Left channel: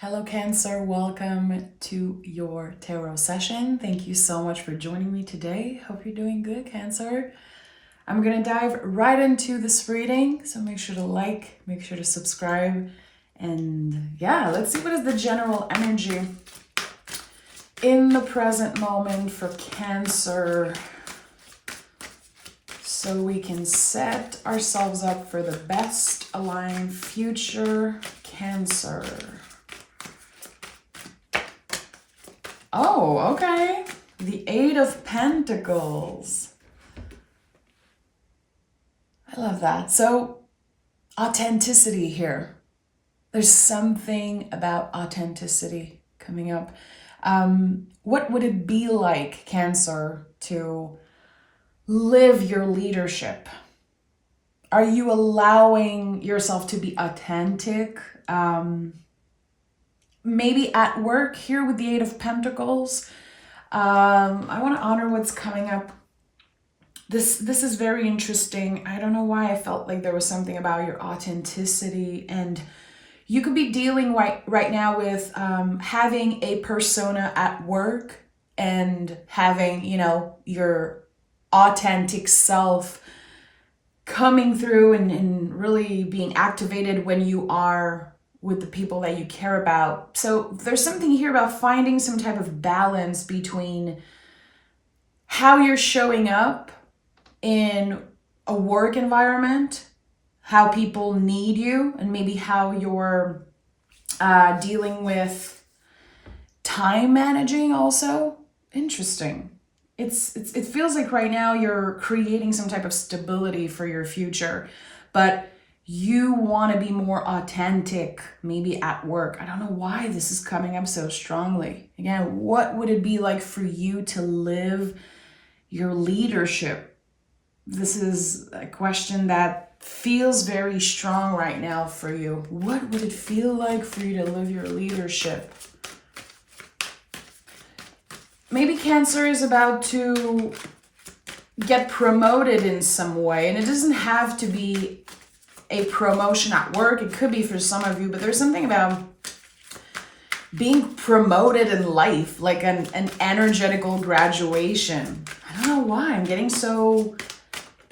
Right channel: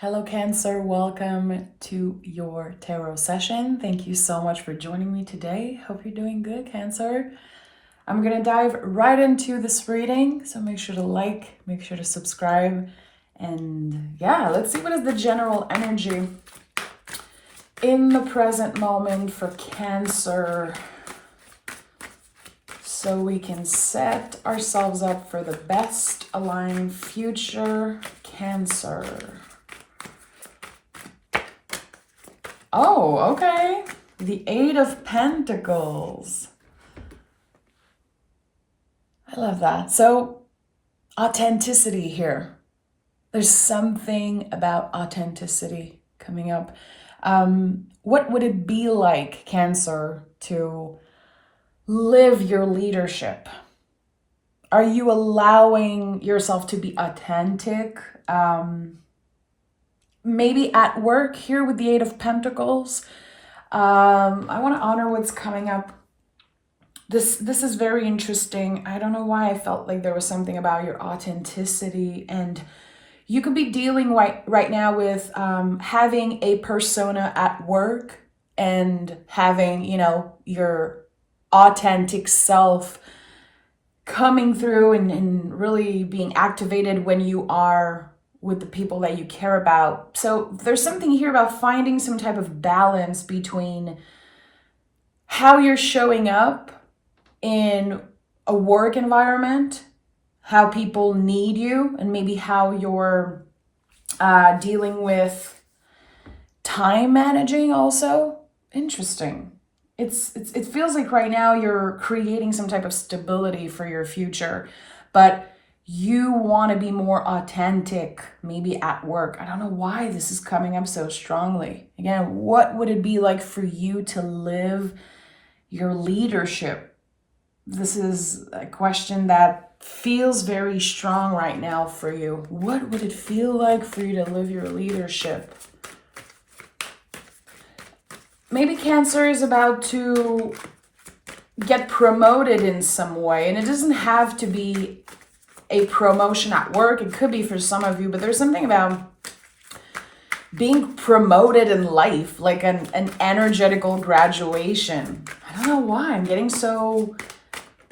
Hello, Cancer. Welcome to your tarot session. Thank you so much for joining me today. Hope you're doing good, Cancer. I'm going to dive right into this reading, so make sure to like, make sure to subscribe, and yeah, let's see what is the general energy in the present moment for Cancer, so we can set ourselves up for the best aligned future, Cancer. Oh, okay. The Eight of Pentacles. I love that. So, authenticity here. There's something about authenticity coming up. What would it be like, Cancer, to live your leadership? Are you allowing yourself to be authentic? Maybe at work here with the Eight of Pentacles. I want to honor what's coming up. This is very interesting. I don't know why I felt like there was something about your authenticity, and you could be dealing right now with having a persona at work and having, your authentic self coming through and really being activated when you are with the people that you care about. So there's something here about finding some type of balance between how you're showing up in a work environment, how people need you, and maybe how you're dealing with time managing also. Interesting. It feels like right now you're creating some type of stability for your future, but you want to be more authentic, maybe at work. I don't know why this is coming up so strongly. Again, what would it be like for you to live your leadership? This is a question that feels very strong right now for you. What would it feel like for you to live your leadership? Maybe Cancer is about to get promoted in some way, and it doesn't have to be a promotion at work. It could be for some of you, but there's something about being promoted in life, like an energetical graduation. I don't know why I'm getting so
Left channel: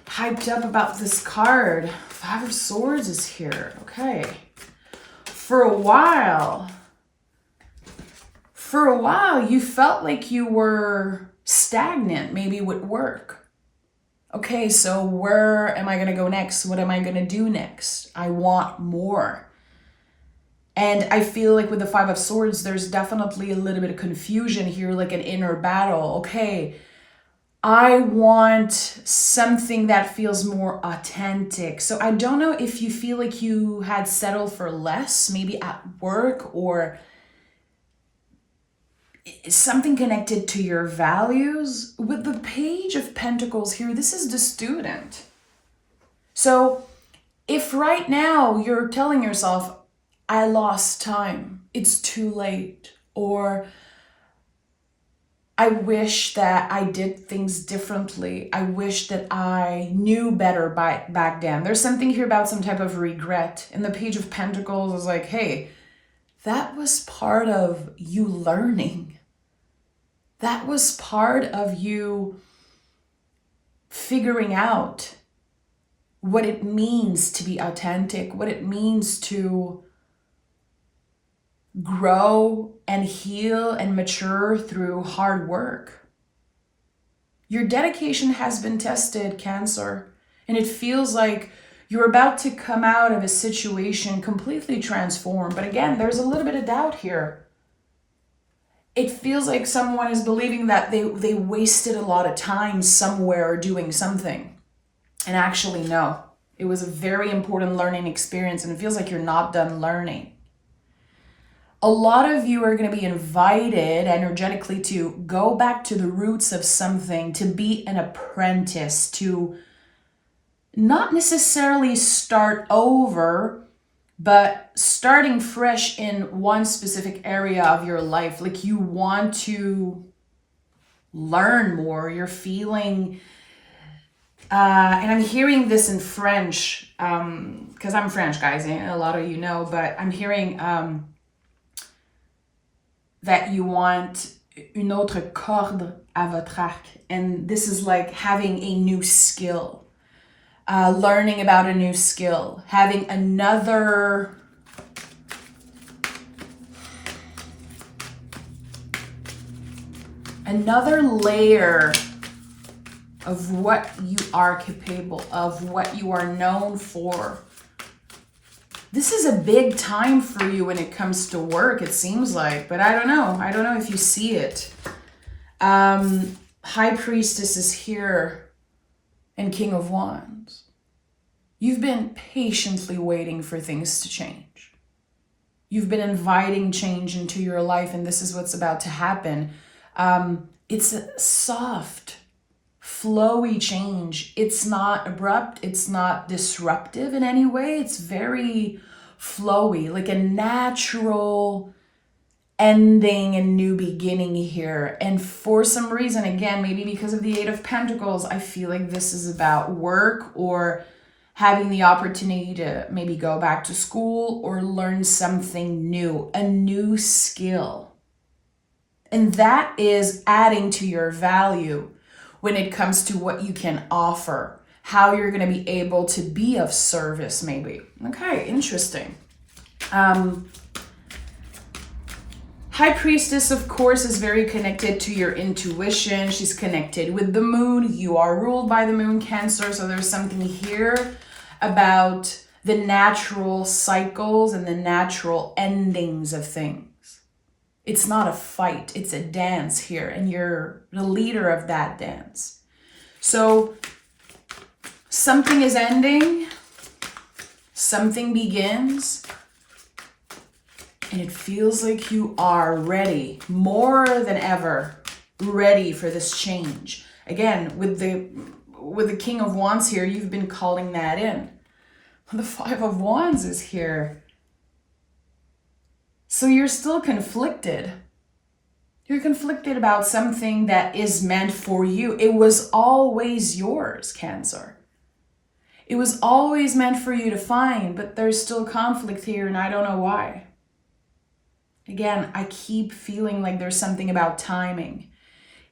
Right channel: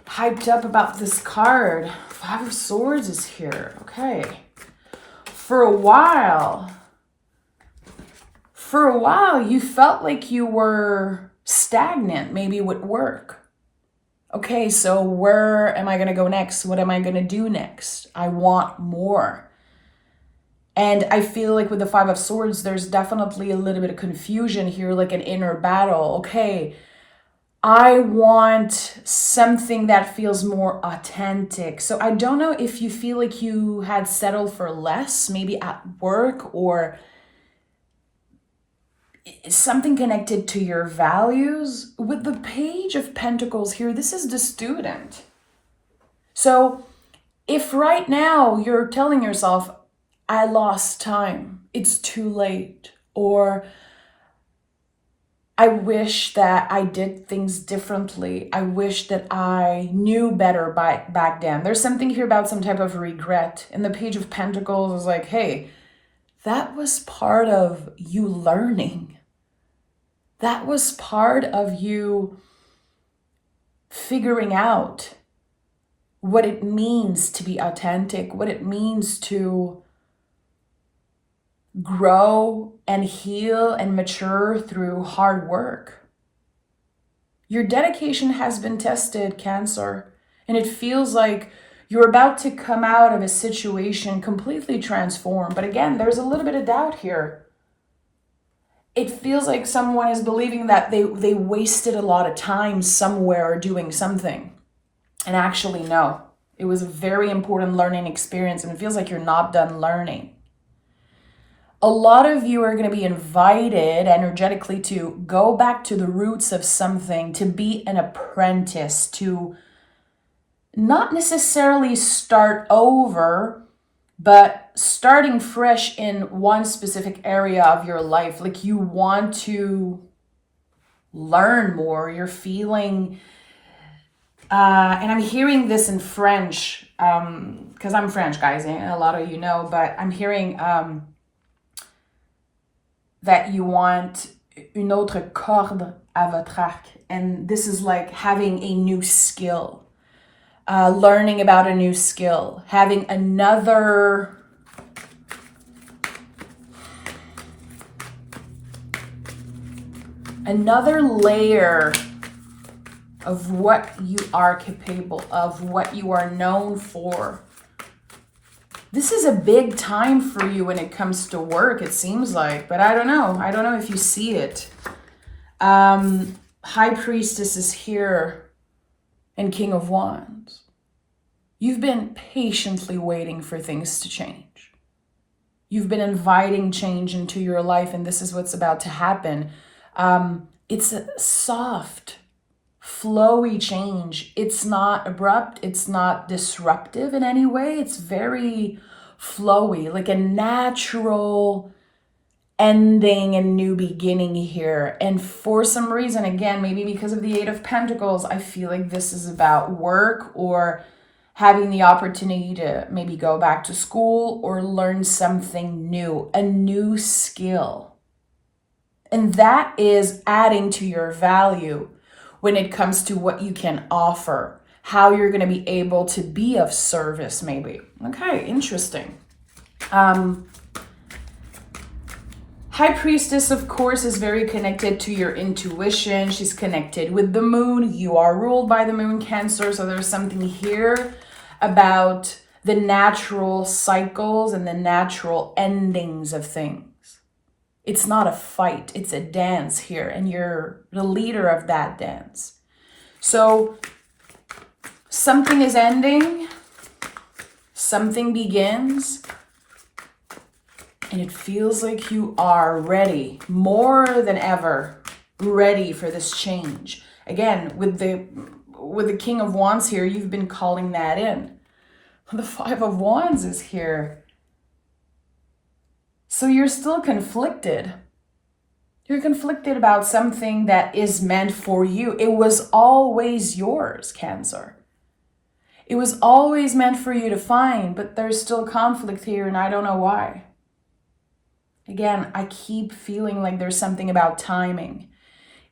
hyped up about this card. Five of Swords is here. Okay. For a while, you felt like you were stagnant, maybe with work. Okay, so where am I going to go next? What am I going to do next? I want more. And I feel like with the Five of Swords, there's definitely a little bit of confusion here, like an inner battle. Okay, I want something that feels more authentic. So I don't know if you feel like you had settled for less, maybe at work, or something connected to your values. With the Page of Pentacles here, this is the student. So if right now you're telling yourself, I lost time, it's too late, or I wish that I did things differently, I wish that I knew better back then. There's something here about some type of regret. And the Page of Pentacles is like, hey, that was part of you learning. That was part of you figuring out what it means to be authentic, what it means to grow and heal and mature through hard work. Your dedication has been tested, Cancer, and it feels like you're about to come out of a situation completely transformed. But again, there's a little bit of doubt here. It feels like someone is believing that they wasted a lot of time somewhere doing something. And actually, no. It was a very important learning experience, and it feels like you're not done learning. A lot of you are going to be invited energetically to go back to the roots of something, to be an apprentice, to not necessarily start over, but starting fresh in one specific area of your life. Like you want to learn more. You're feeling, and I'm hearing this in French, because I'm French, guys, and a lot of you know, but I'm hearing that you want une autre corde à votre arc. And this is like having a new skill, learning about a new skill, having another layer of what you are capable of, what you are known for. This is a big time for you when it comes to work, it seems like, but I don't know. I don't know if you see it. High Priestess is here and King of Wands. You've been patiently waiting for things to change. You've been inviting change into your life, and this is what's about to happen. It's a soft, flowy change. It's not abrupt. It's not disruptive in any way. It's very flowy, like a natural ending and new beginning here. And for some reason, again, maybe because of the Eight of Pentacles, I feel like this is about work or having the opportunity to maybe go back to school or learn something new, a new skill. And that is adding to your value when it comes to what you can offer, how you're going to be able to be of service, maybe. Okay, interesting. High Priestess, of course, is very connected to your intuition. She's connected with the moon. You are ruled by the moon, Cancer. So there's something here about the natural cycles and the natural endings of things. It's not a fight. It's a dance here. And you're the leader of that dance. So something is ending. Something begins. And it feels like you are ready, more than ever, ready for this change. Again, with the King of Wands here, you've been calling that in. The Five of Wands is here. So you're still conflicted. You're conflicted about something that is meant for you. It was always yours, Cancer. It was always meant for you to find, but there's still conflict here, and I don't know why. Again, I keep feeling like there's something about timing.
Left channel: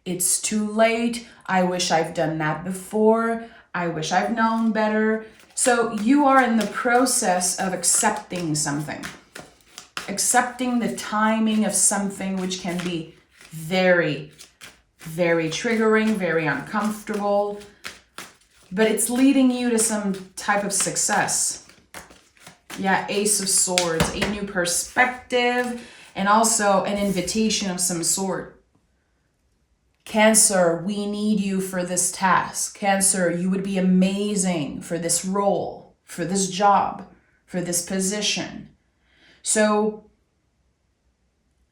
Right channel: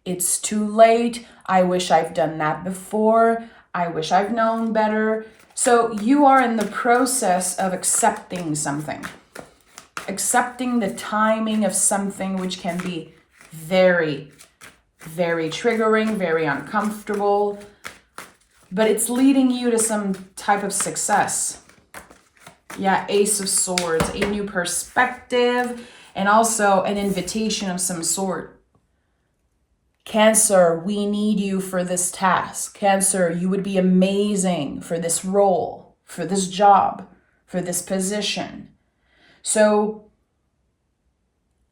It's too late. I wish I've done that before. I wish I've known better. So you are in the process of accepting something. Accepting the timing of something, which can be very, very triggering, very uncomfortable. But it's leading you to some type of success. Yeah, Ace of Swords, a new perspective. And also an invitation of some sort. Cancer, we need you for this task. Cancer, you would be amazing for this role, for this job, for this position. So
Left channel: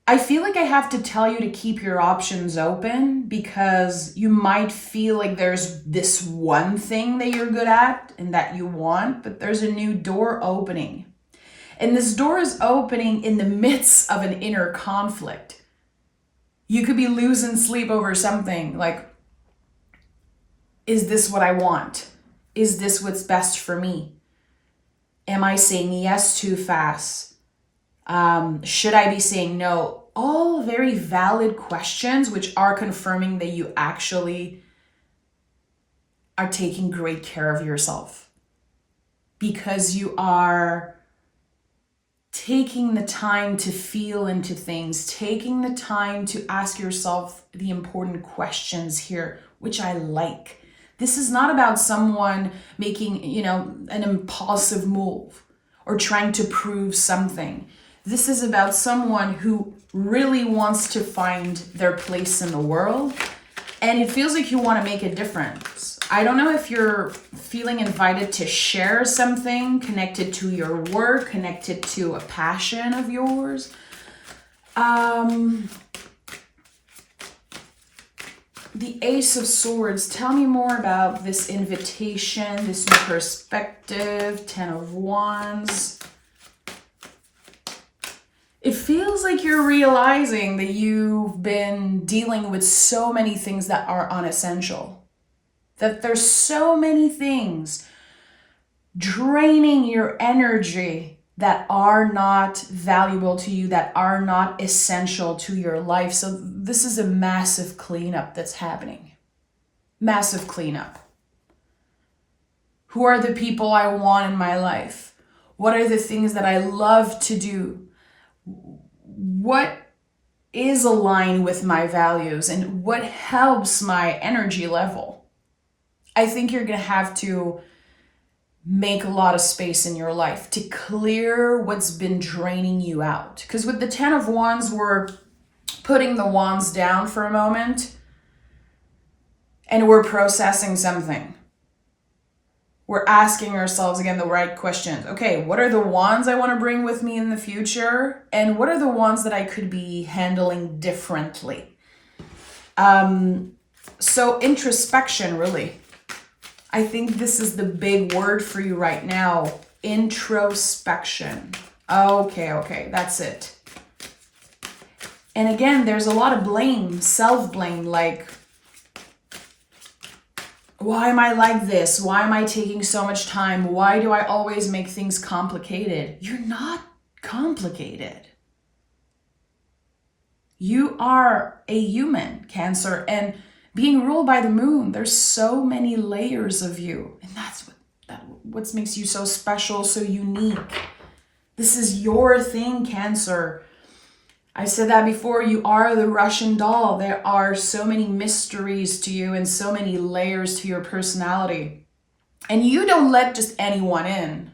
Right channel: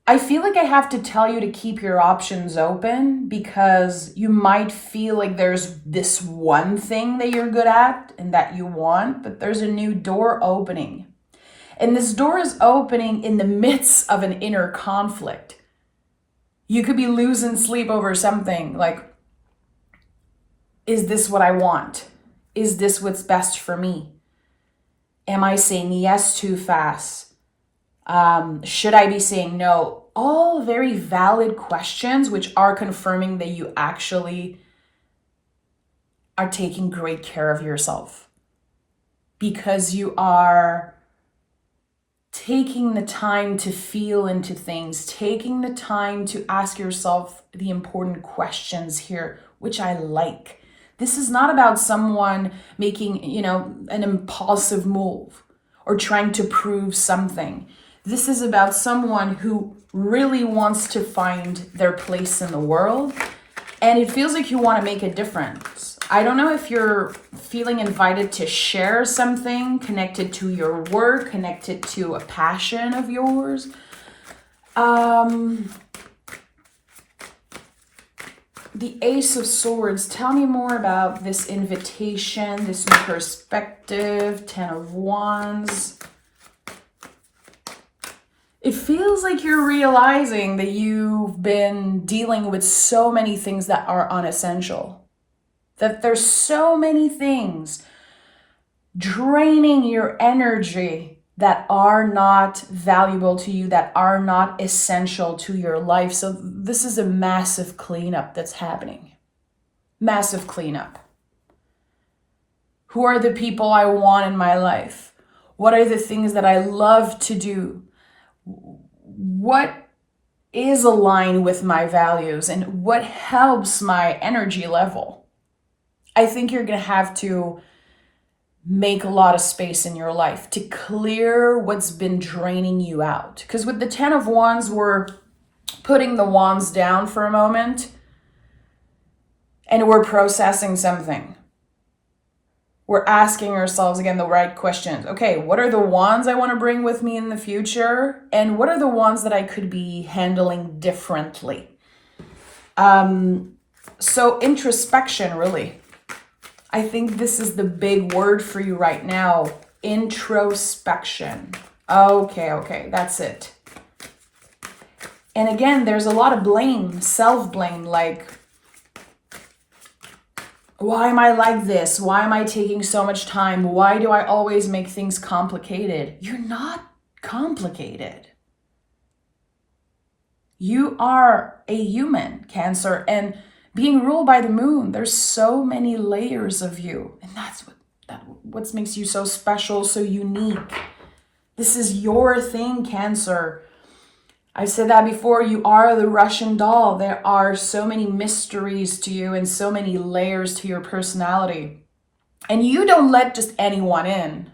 I feel like I have to tell you to keep your options open because you might feel like there's this one thing that you're good at and that you want, but there's a new door opening. And this door is opening in the midst of an inner conflict. You could be losing sleep over something like, is this what I want? Is this what's best for me? Am I saying yes too fast? Should I be saying no? All very valid questions, which are confirming that you actually are taking great care of yourself because you are taking the time to feel into things, taking the time to ask yourself the important questions here, which I like. This is not about someone making, an impulsive move or trying to prove something. This is about someone who really wants to find their place in the world, and it feels like you want to make a difference. I don't know if you're feeling invited to share something connected to your work, connected to a passion of yours. The Ace of Swords, tell me more about this invitation, this new perspective, Ten of Wands. It feels like you're realizing that you've been dealing with so many things that are unessential. That there's so many things draining your energy that are not valuable to you, that are not essential to your life. So this is a massive cleanup that's happening. Massive cleanup. Who are the people I want in my life? What are the things that I love to do? What is aligned with my values and what helps my energy level? I think you're going to have to make a lot of space in your life to clear what's been draining you out. Because with the 10 of Wands, we're putting the wands down for a moment and we're processing something. We're asking ourselves again the right questions. Okay, what are the wands I want to bring with me in the future? And what are the ones that I could be handling differently? So introspection, really. I think this is the big word for you right now. Introspection. Okay, that's it. And again, there's a lot of blame, self-blame, like, why am I like this? Why am I taking so much time? Why do I always make things complicated? You're not complicated. You are a human, Cancer, and being ruled by the moon, there's so many layers of you. And that's what makes you so special, so unique. This is your thing, Cancer. I said that before, you are the Russian doll. There are so many mysteries to you and so many layers to your personality. And you don't let just anyone in.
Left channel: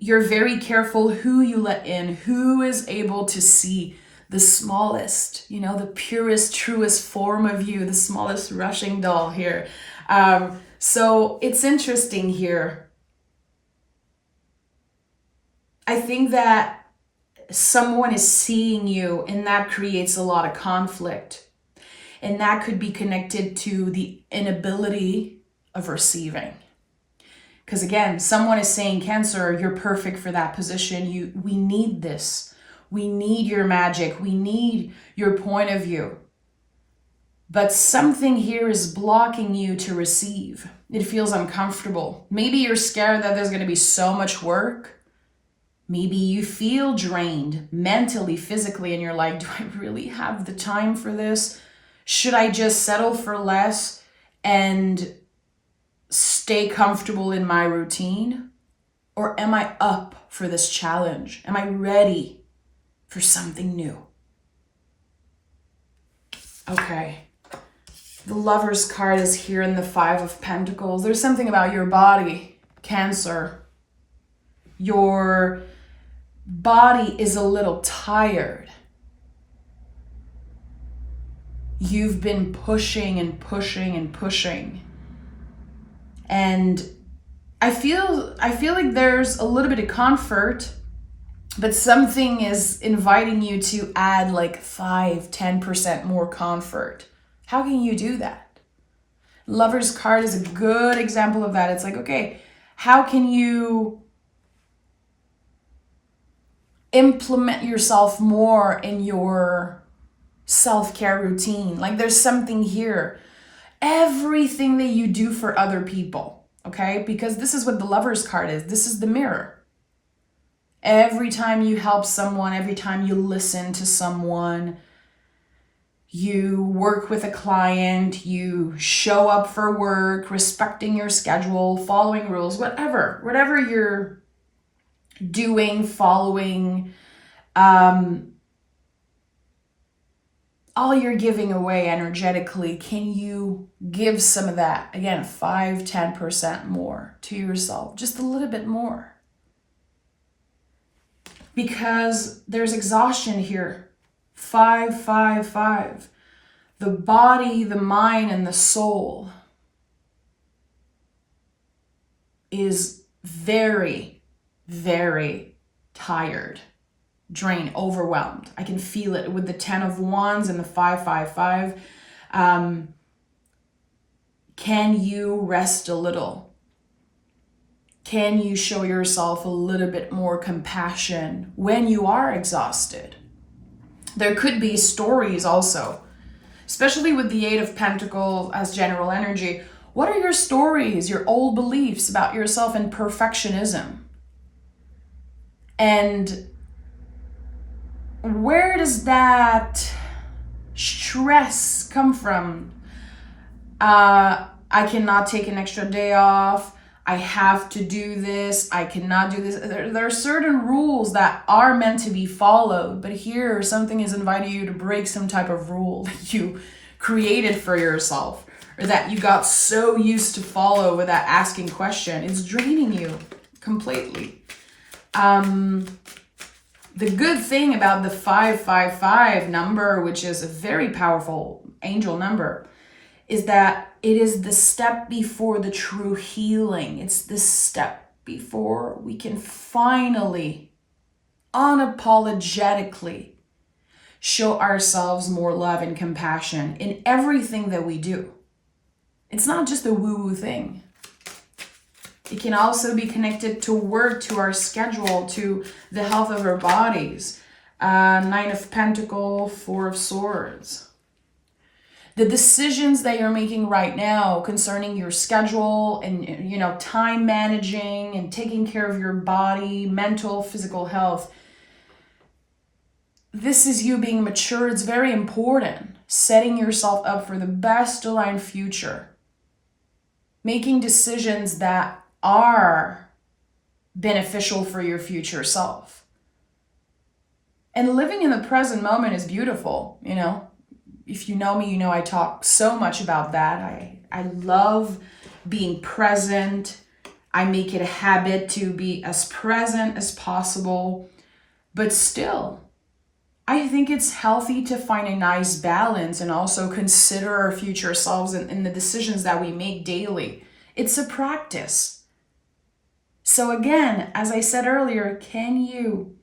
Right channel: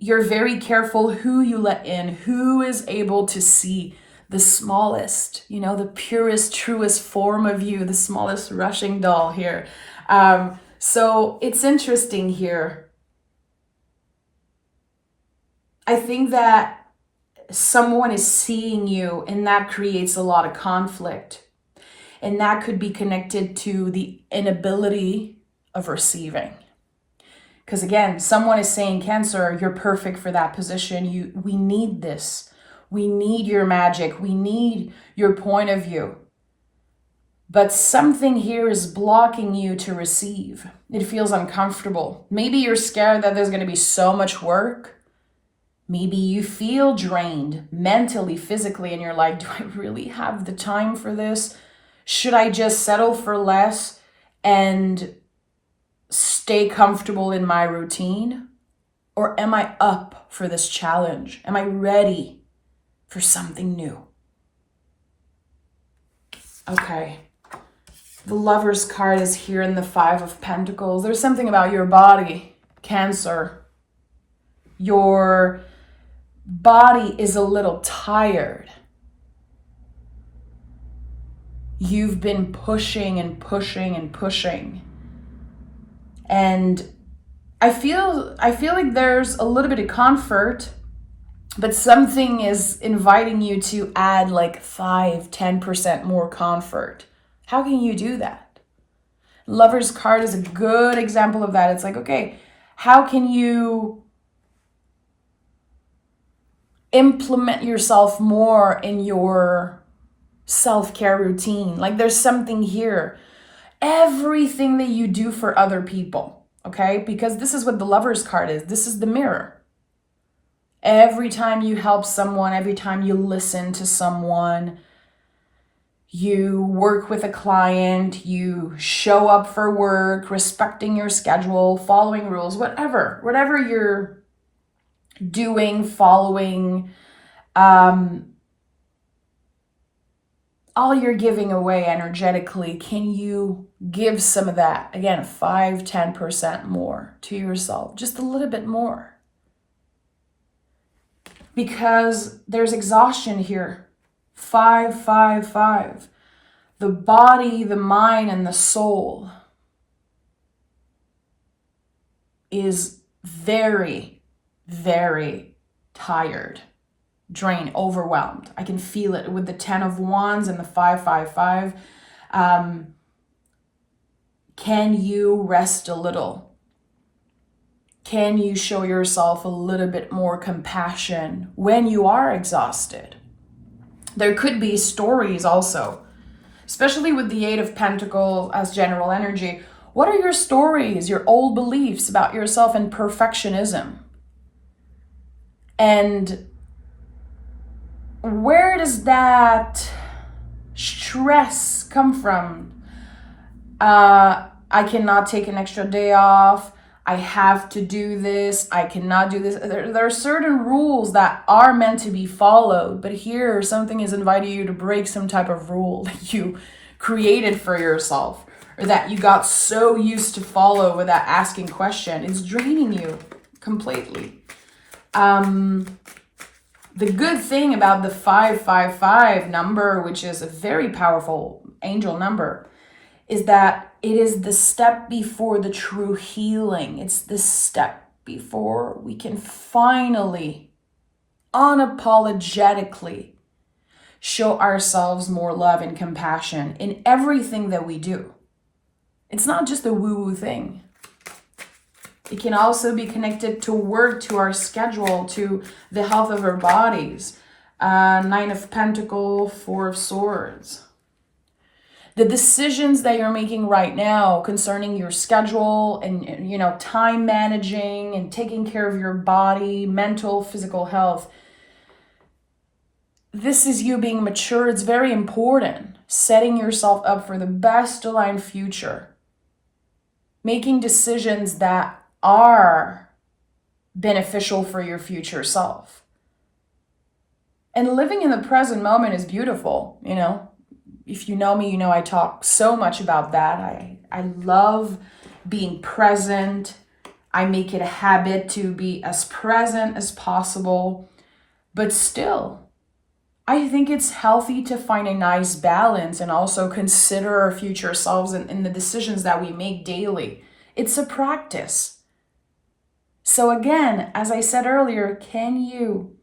You're very careful who you let in, who is able to see the smallest, the purest, truest form of you, the smallest Russian doll here. So it's interesting here. I think that someone is seeing you and that creates a lot of conflict. And that could be connected to the inability of receiving. Because again, someone is saying, Cancer, you're perfect for that position. We need this. We need your magic. We need your point of view. But something here is blocking you to receive. It feels uncomfortable. Maybe you're scared that there's going to be so much work. Maybe you feel drained mentally, physically, and you're like, do I really have the time for this? Should I just settle for less and stay comfortable in my routine? Or am I up for this challenge? Am I ready for something new? Okay. The Lover's card is here in the 5 of Pentacles. There's something about your body, Cancer. Your body is a little tired. You've been pushing and pushing and pushing. And I feel like there's a little bit of comfort, but something is inviting you to add like 5-10% more comfort. How can you do that? Lover's card is a good example of that. It's like, okay, how can you implement yourself more in your self-care routine? Like there's something here. Everything that you do for other people, okay? Because this is what the Lover's card is. This is the mirror. Every time you help someone, every time you listen to someone, you work with a client, you show up for work, respecting your schedule, following rules, whatever you're doing, following, all you're giving away energetically, can you give some of that? Again, 5-10% more to yourself, just a little bit more. Because there's exhaustion here. 5. The body, the mind, and the soul is very, very tired, drained, overwhelmed. I can feel it with the 10 of Wands and the 5. Can you rest a little? Can you show yourself a little bit more compassion when you are exhausted? There could be stories also, especially with the 8 of Pentacles as general energy. What are your stories, your old beliefs about yourself and perfectionism? And where does that stress come from? I cannot take an extra day off. I have to do this. I cannot do this. There are certain rules that are meant to be followed, but here something is inviting you to break some type of rule that you created for yourself, or that you got so used to follow without asking question. It's draining you completely. The good thing about the 555 number, which is a very powerful angel number, is that it is the step before the true healing. It's the step before we can finally, unapologetically show ourselves more love and compassion in everything that we do. It's not just a woo-woo thing. It can also be connected to work, to our schedule, to the health of our bodies. 9 of Pentacles, 4 of Swords. The decisions that you're making right now concerning your schedule and time managing and taking care of your body, mental, physical health. This is you being mature. It's very important. Setting yourself up for the best aligned future. Making decisions that are beneficial for your future self. And living in the present moment is beautiful, If you know me, I talk so much about that. I love being present. I make it a habit to be as present as possible. But still, I think it's healthy to find a nice balance and also consider our future selves in the decisions that we make daily. It's a practice. So again, as I said earlier, can you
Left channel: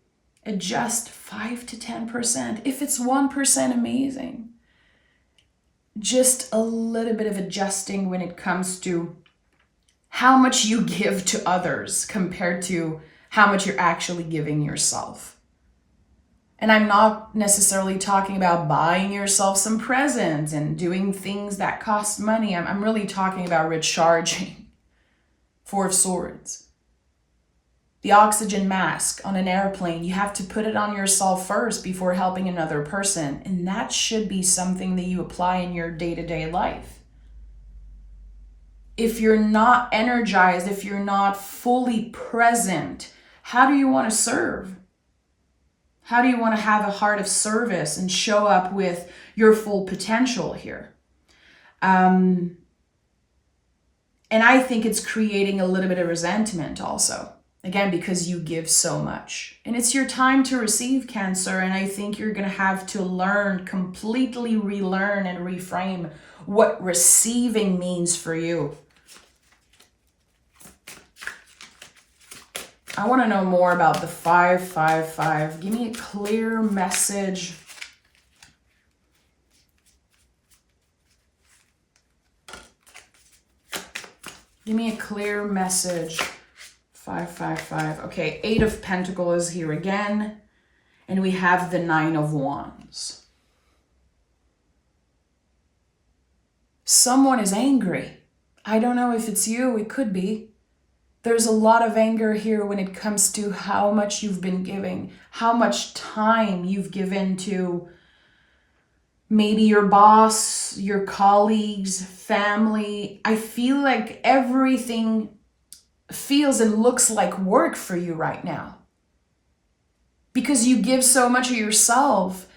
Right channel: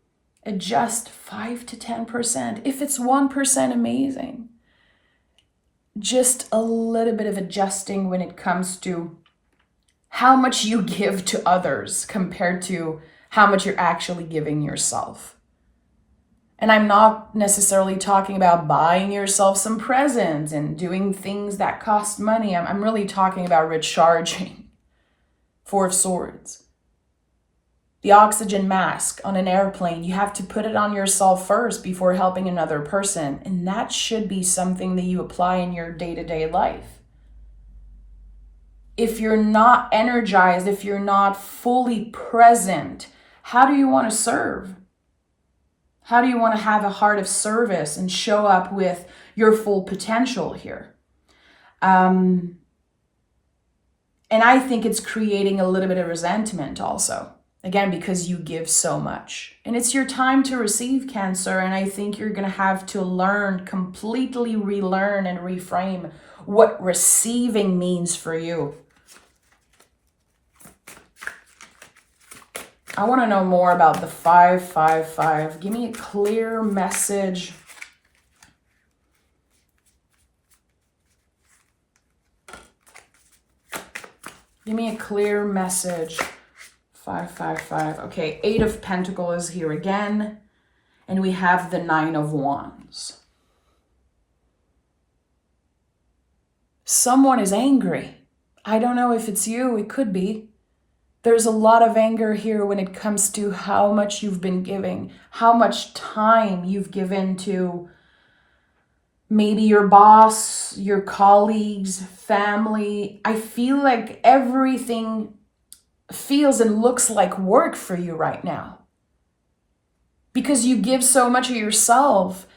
adjust 5 to 10%? If it's 1%, amazing. Just a little bit of adjusting when it comes to how much you give to others compared to how much you're actually giving yourself. And I'm not necessarily talking about buying yourself some presents and doing things that cost money. I'm really talking about recharging. 4 of Swords. The oxygen mask on an airplane, you have to put it on yourself first before helping another person. And that should be something that you apply in your day-to-day life. If you're not energized, if you're not fully present, how do you want to serve? How do you want to have a heart of service and show up with your full potential here? And I think it's creating a little bit of resentment also. Again, because you give so much. And it's your time to receive, Cancer. And I think you're going to have to completely relearn and reframe what receiving means for you. I want to know more about the 555. Give me a clear message. Give me a clear message. 555. Okay, 8 of Pentacles is here again. And we have the 9 of Wands. Someone is angry. I don't know if it's you. It could be. There's a lot of anger here when it comes to how much you've been giving, how much time you've given to maybe your boss, your colleagues, family. I feel like everything feels and looks like work for you right now. Because you give so much of yourself.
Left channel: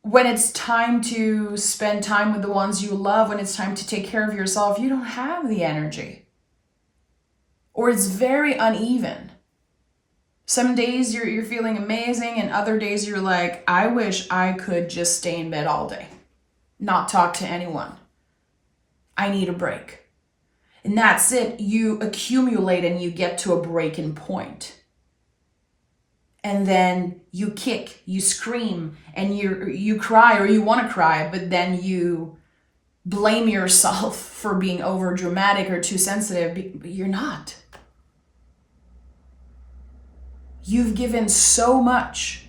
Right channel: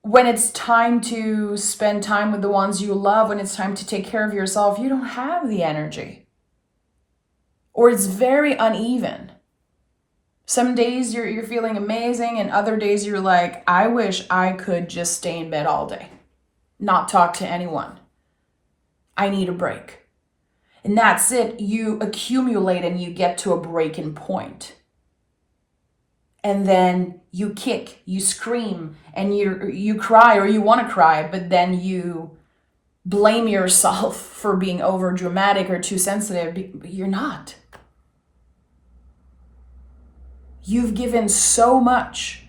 When it's time to spend time with the ones you love, when it's time to take care of yourself, you don't have the energy. Or it's very uneven. Some days you're feeling amazing, and other days you're like, I wish I could just stay in bed all day, not talk to anyone. I need a break. And that's it. You accumulate and you get to a breaking point. And then you kick, you scream, and you cry, or you want to cry, but then you blame yourself for being over dramatic or too sensitive, but you're not. You've given so much,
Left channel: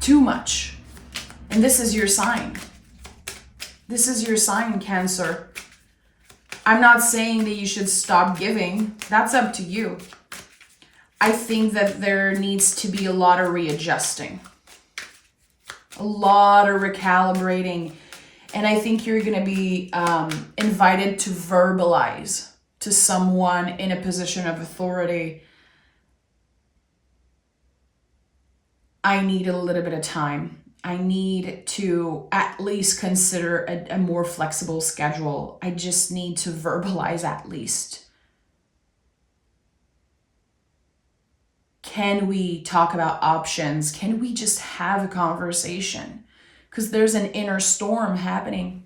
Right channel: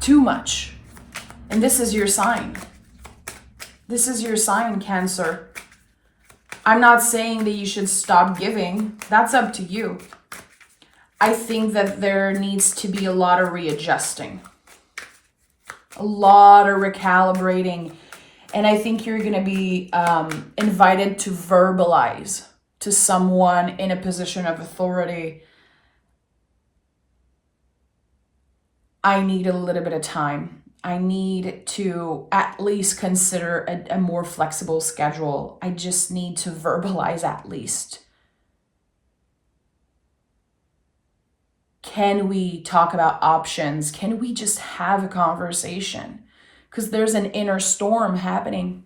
too much. And this is your sign. This is your sign, Cancer. I'm not saying that you should stop giving. That's up to you. I think that there needs to be a lot of readjusting, a lot of recalibrating. And I think you're going to be invited to verbalize to someone in a position of authority, I need a little bit of time. I need to at least consider a more flexible schedule. I just need to verbalize at least. Can we talk about options? Can we just have a conversation? Because there's an inner storm happening.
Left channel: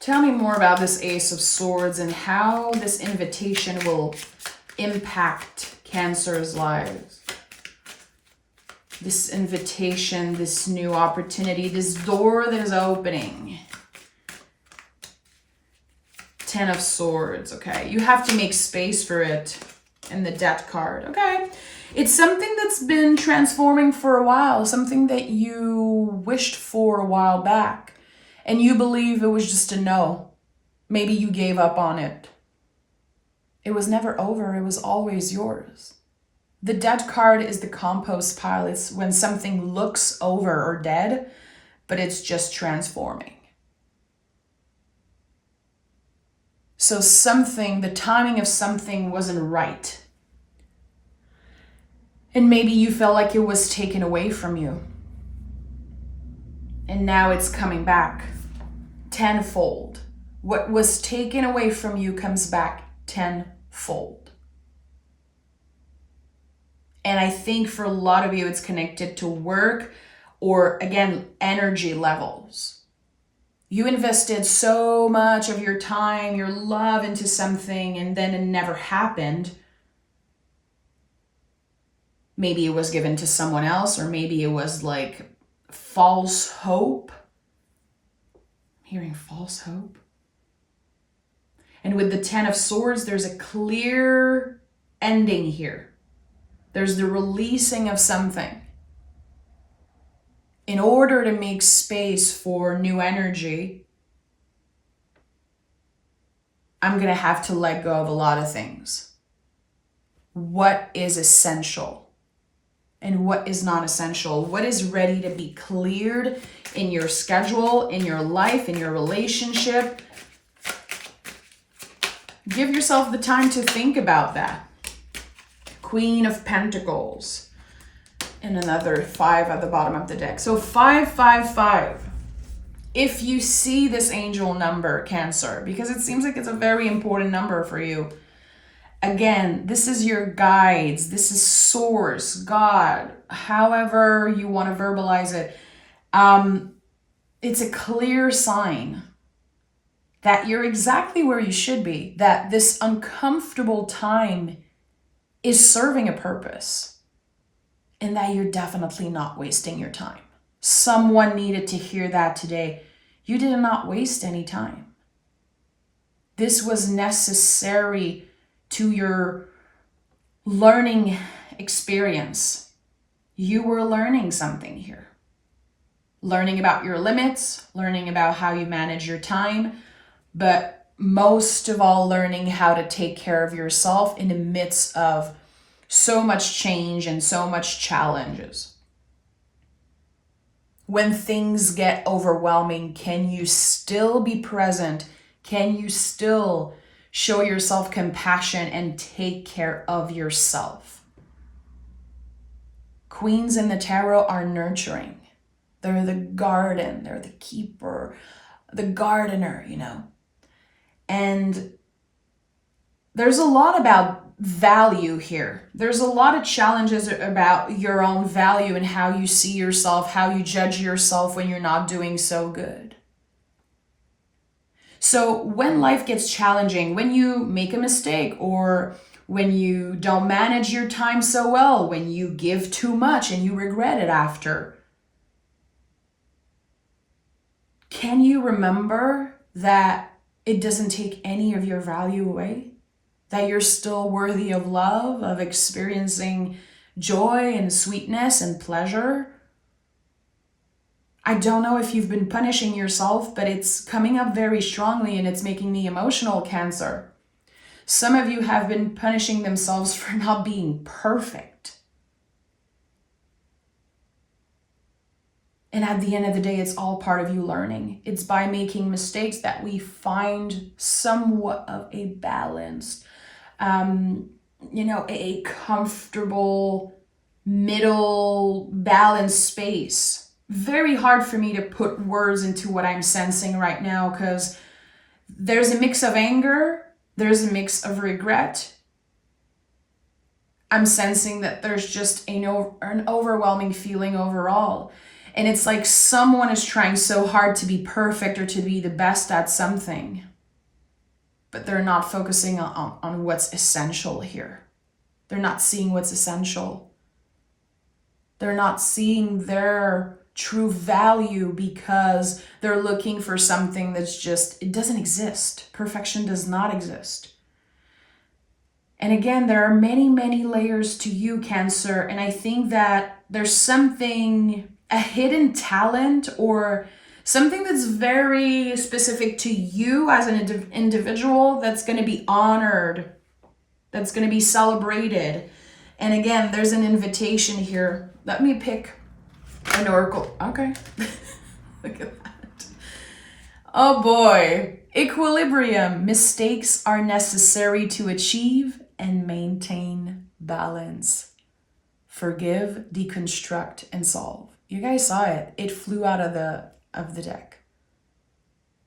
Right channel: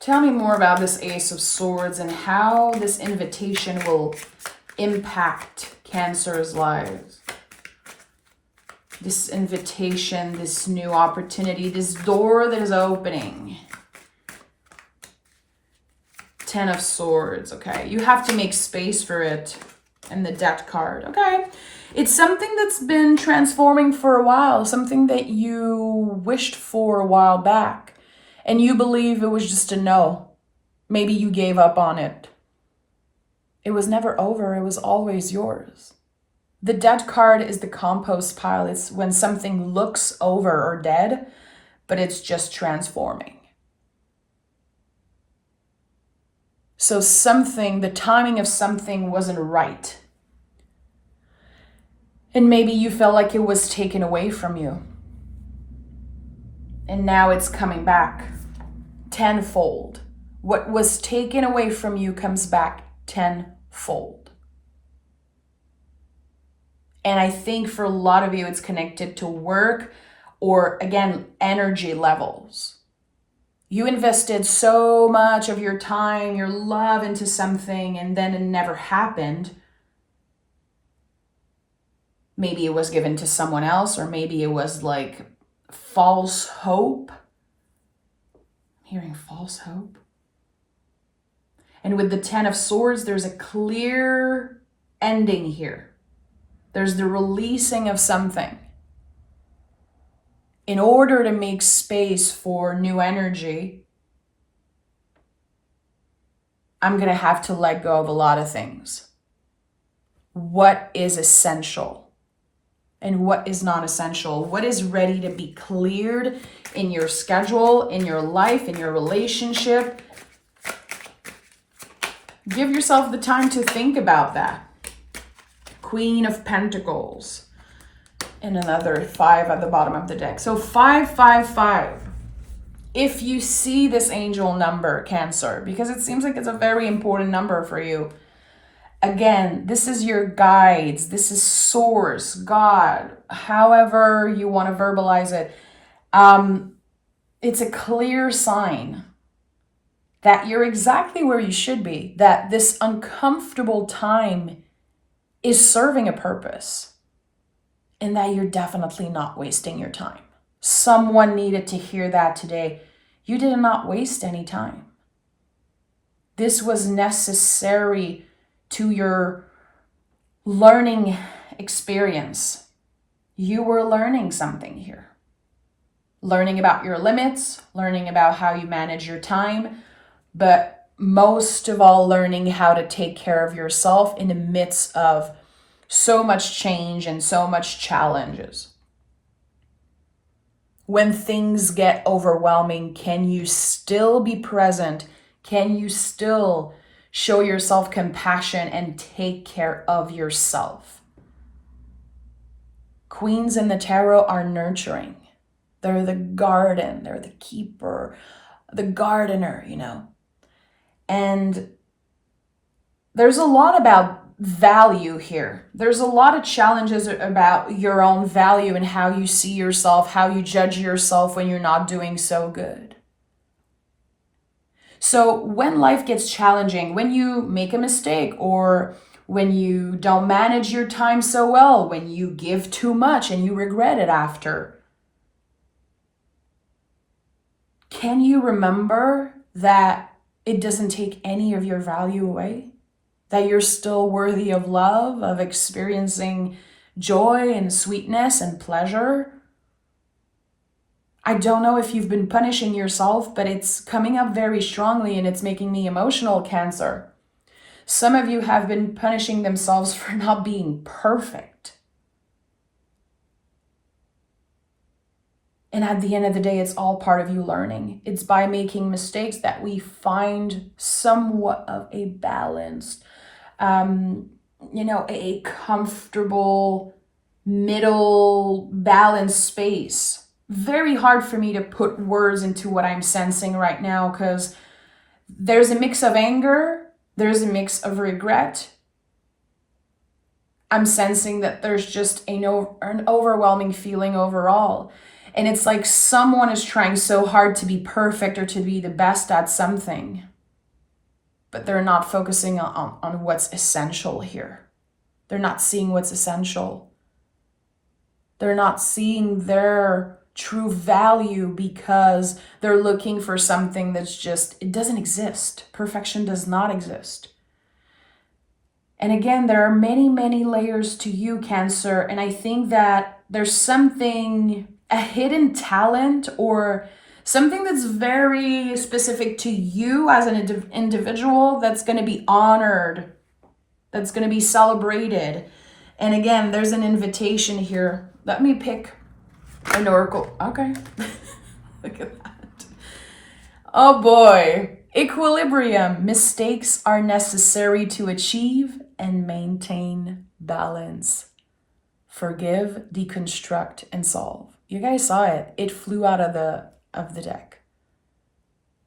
Tell me more about this Ace of Swords and how this invitation will impact Cancer's lives. This invitation, this new opportunity, this door that is opening. Ten of Swords, okay. You have to make space for it. And the Death card, okay. It's something that's been transforming for a while, something that you wished for a while back. And you believe it was just a no. Maybe you gave up on it. It was never over. It was always yours. The Dead card is the compost pile. It's when something looks over or dead, but it's just transforming. So the timing of something wasn't right. And maybe you felt like it was taken away from you. And now it's coming back tenfold. What was taken away from you comes back tenfold. And I think for a lot of you, it's connected to work or, again, energy levels. You invested so much of your time, your love into something, and then it never happened. Maybe it was given to someone else, or maybe it was like false hope. I'm hearing false hope. And with the Ten of Swords, there's a clear ending here. There's the releasing of something. In order to make space for new energy, I'm going to have to let go of a lot of things. What is essential and what is not essential? What is ready to be cleared in your schedule, in your life, in your relationship? Give yourself the time to think about that. Queen of Pentacles. And another 5 at the bottom of the deck. So 555. If you see this angel number, Cancer, because it seems like it's a very important number for you. Again, this is your guides. This is source, God, however you want to verbalize it. It's a clear sign that you're exactly where you should be, that this uncomfortable time is serving a purpose. And that you're definitely not wasting your time. Someone needed to hear that today. You did not waste any time. This was necessary to your learning experience. You were learning something here. Learning about your limits, learning about how you manage your time, but most of all, learning how to take care of yourself in the midst of so much change and so much challenges. When things get overwhelming, can you still be present? Can you still show yourself compassion and take care of yourself? Queens in the tarot are nurturing. They're the garden, they're the keeper, the gardener, And there's a lot about value here. There's a lot of challenges about your own value and how you see yourself, how you judge yourself when you're not doing so good. So when life gets challenging, when you make a mistake or when you don't manage your time so well, when you give too much and you regret it after, can you remember that it doesn't take any of your value away? That you're still worthy of love, of experiencing joy and sweetness and pleasure? I don't know if you've been punishing yourself, but it's coming up very strongly and it's making me emotional, Cancer. Some of you have been punishing themselves for not being perfect. And at the end of the day, it's all part of you learning. It's by making mistakes that we find somewhat of a balanced, a comfortable middle balanced space. Very hard for me to put words into what I'm sensing right now, because there's a mix of anger, there's a mix of regret. I'm sensing that there's just an overwhelming feeling overall. And it's like someone is trying so hard to be perfect or to be the best at something, but they're not focusing on what's essential here. They're not seeing what's essential. They're not seeing their true value because they're looking for something that's it doesn't exist. Perfection does not exist. And again, there are many, many layers to you, Cancer. And I think that there's a hidden talent or something that's very specific to you as an individual that's going to be honored, that's going to be celebrated. And again, there's an invitation here. Let me pick an oracle. Okay. Look at that. Oh boy. Equilibrium. Mistakes are necessary to achieve and maintain balance. Forgive, deconstruct, and solve. You guys saw it. It flew out of the deck.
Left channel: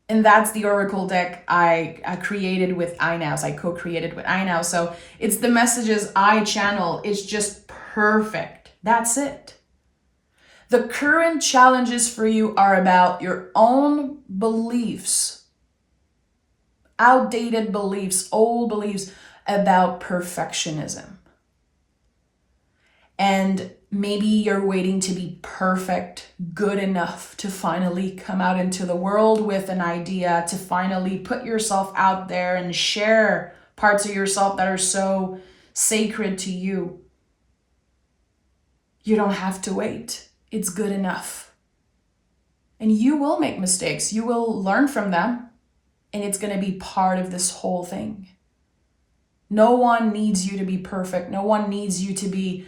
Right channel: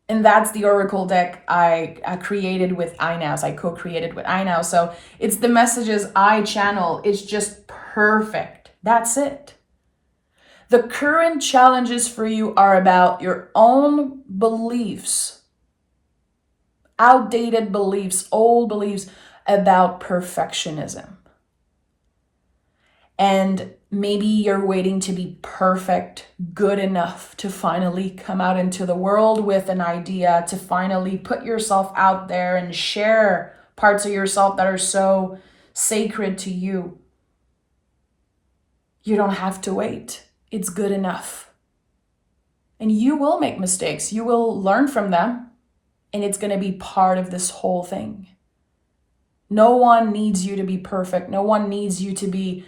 And that's the oracle deck I created with iNows. I co-created with iNows. So it's the messages I channel. It's just perfect. That's it. The current challenges for you are about your own beliefs, outdated beliefs, old beliefs about perfectionism. And maybe you're waiting to be perfect, good enough to finally come out into the world with an idea, to finally put yourself out there and share parts of yourself that are so sacred to you. You don't have to wait. It's good enough. And you will make mistakes. You will learn from them. And it's going to be part of this whole thing. No one needs you to be perfect. No one needs you to be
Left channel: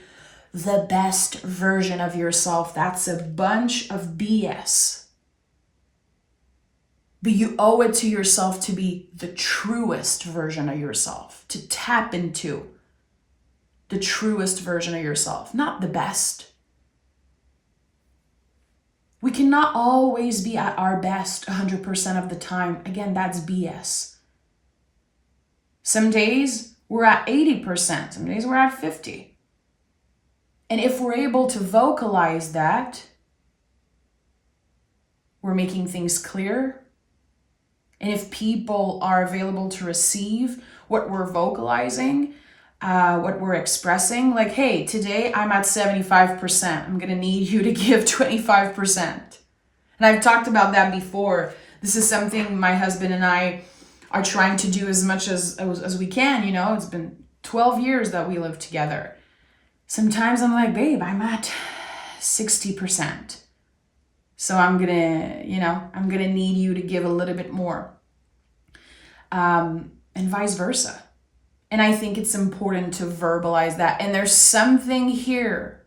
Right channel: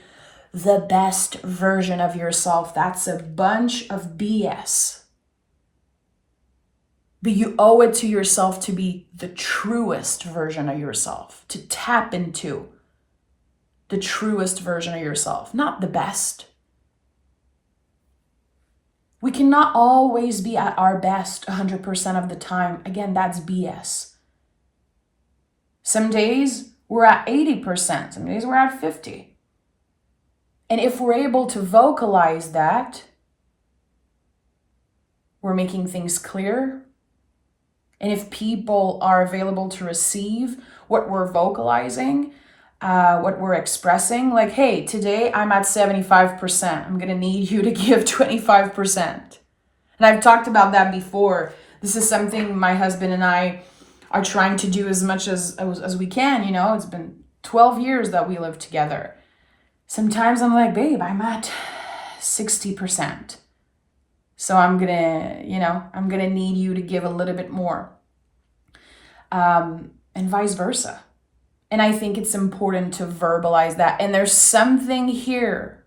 the best version of yourself. That's a bunch of BS. But you owe it to yourself to be the truest version of yourself, to tap into the truest version of yourself, not the best. We cannot always be at our best 100% of the time. Again, that's BS. Some days we're at 80%, some days we're at 50%. And if we're able to vocalize that, we're making things clear. And if people are available to receive what we're vocalizing, what we're expressing, like, hey, today I'm at 75%. I'm going to need you to give 25%. And I've talked about that before. This is something my husband and I are trying to do as much as we can. It's been 12 years that we live together. Sometimes I'm like, babe, I'm at 60%. So I'm gonna need you to give a little bit more. And vice versa. And I think it's important to verbalize that. And there's something here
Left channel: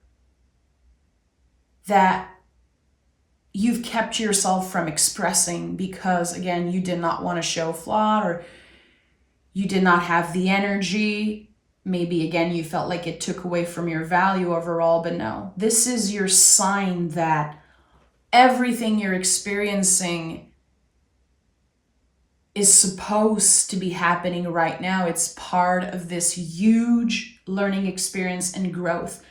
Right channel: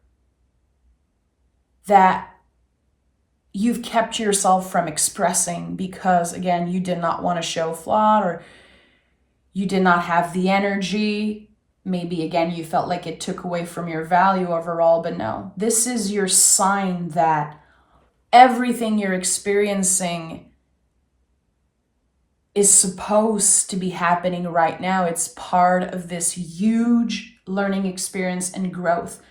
that you've kept yourself from expressing because, again, you did not want to show flaw, or you did not have the energy. Maybe, again, you felt like it took away from your value overall, but no. This is your sign that everything you're experiencing is supposed to be happening right now. It's part of this huge learning experience and growth,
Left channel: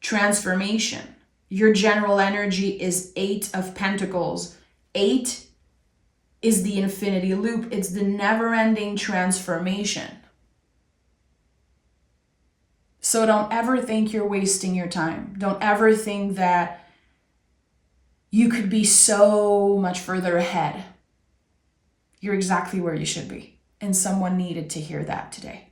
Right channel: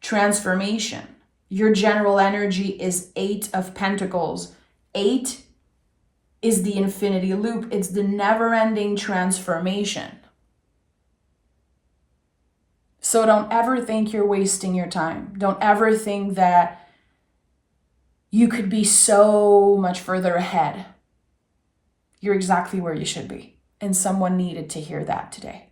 transformation. Your general energy is 8 of Pentacles. 8 is the infinity loop. It's the never-ending transformation. So don't ever think you're wasting your time. Don't ever think that you could be so much further ahead. You're exactly where you should be. And someone needed to hear that today.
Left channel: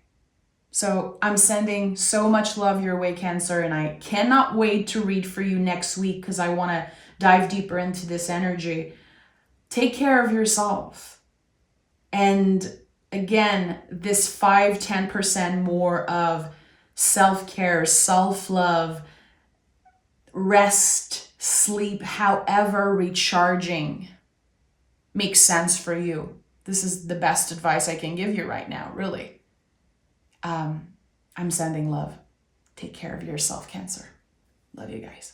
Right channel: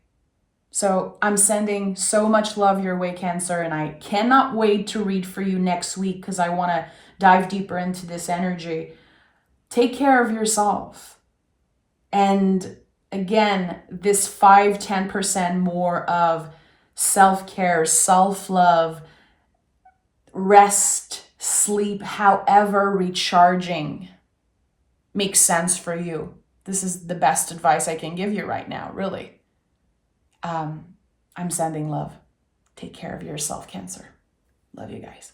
So I'm sending so much love your way, Cancer, and I cannot wait to read for you next week because I want to dive deeper into this energy. Take care of yourself. And again, this 5-10% more of self-care, self-love, rest, sleep, however recharging makes sense for you. This is the best advice I can give you right now, really. I'm sending love. Take care of yourself, Cancer. Love you guys.